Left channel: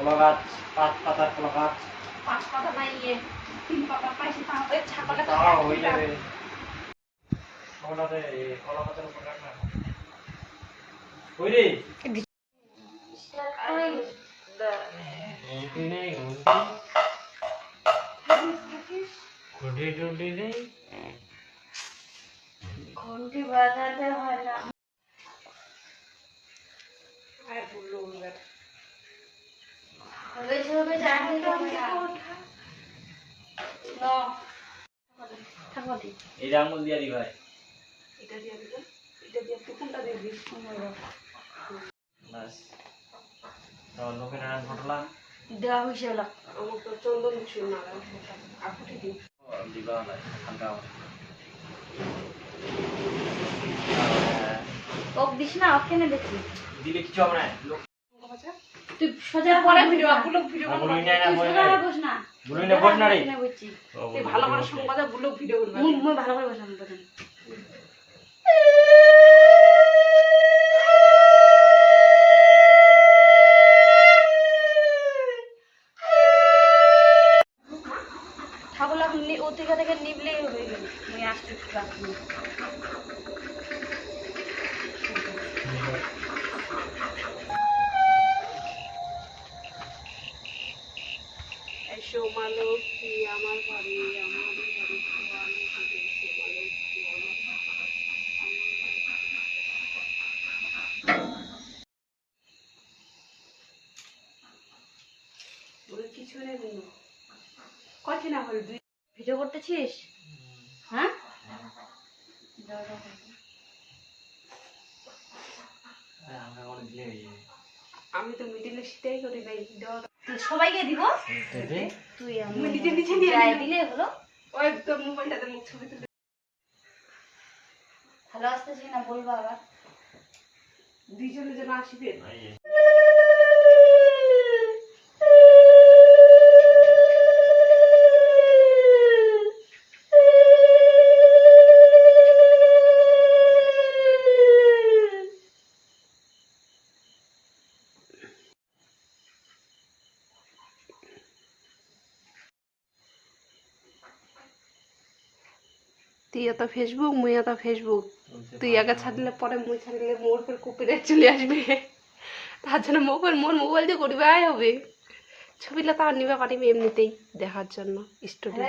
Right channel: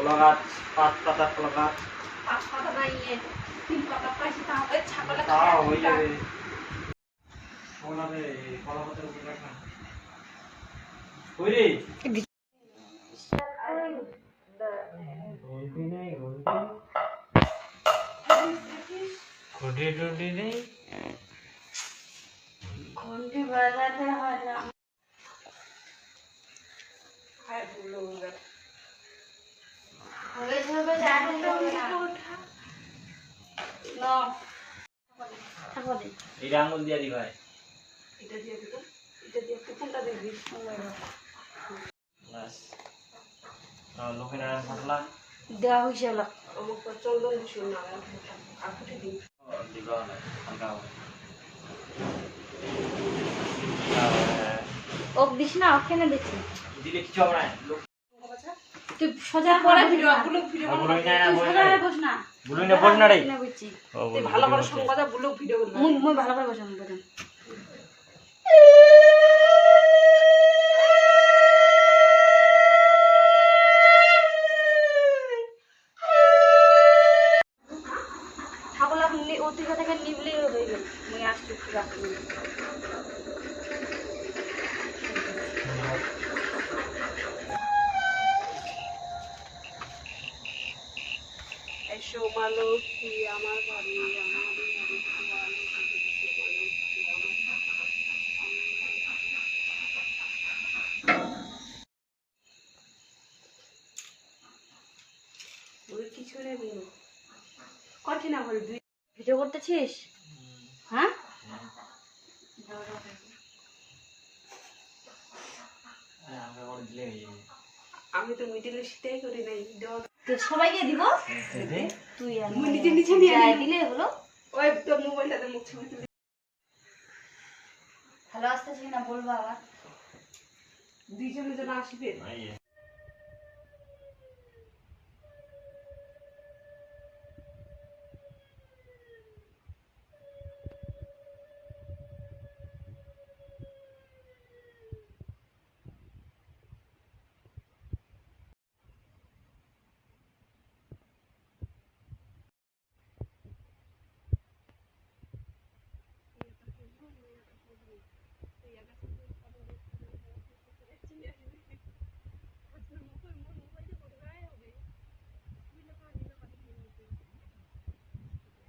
কলা গাছ 5 পাতা কলা গাছ 5 পাতা না 3 পাতা পাইছি তাহলে ছাগলটা তাও হয়ে যাবে কলাতে কলা পাতার উপর রাখ না ওই রে ঘন্টি নেই ঘন্টি নেই ঘন্টি বাজাতে হয় না আর বললো এবার হবে হবে জানি তো আমি ওঠা না তাহলে এই আঙ্গুল দিয়া দি ভাই এটা দিয়ে দিল এটা দিয়ে তুই কোনটা দেখবি বাস তাও লোকের নাম ঘটলা দেওয়া হয়েছে হলো আমার তো চন্দন ছিল না আর ফুটে দিই দিবা না হালকা ও দিস না ওখানে দেখি দিলে কিছু হবে না তুই সোজা পরে ভিডিও ভিডিও সোজা হয়ে বস না বলুই না বস না রে তুই ভালো করে সংবাদে ব্লগ ভিডিও করবি মুই ভালো করে বসাম তোকে ঠাকুর অতিকা থেকে নিবলেই হয়ে গেল মুই আসছি রাখি সোমালক্ষ্মী আমার বাড়ি আমার বাড়ি কিছু নেই বলবো কত না হল দুই ভিডিও করতেছিস হ্যাঁ আমি তো মিডিলে সেটাই করি নাই সবাইকে দিব তুই নিজে নিজে নিয়ে দিলে হলো ওই তোর মোবাইলটাতে মুখ ছবি তুলে ভালো আসতেছে কিনা বলবো আবার দুইজনে যেন আসবে তুই এত ফেসবুক মুই এত ফেসবুক তুই আগে ছাড়লে পরে মুই ছাড়লে মোর পর কপিরাইট চলে আসবে তার জন্য মোর মোবাইল দিয়ে করিবাই হবে ছবিটা তার নিবা পারিবি এমনিতেই দেখার জন্য স্টোরি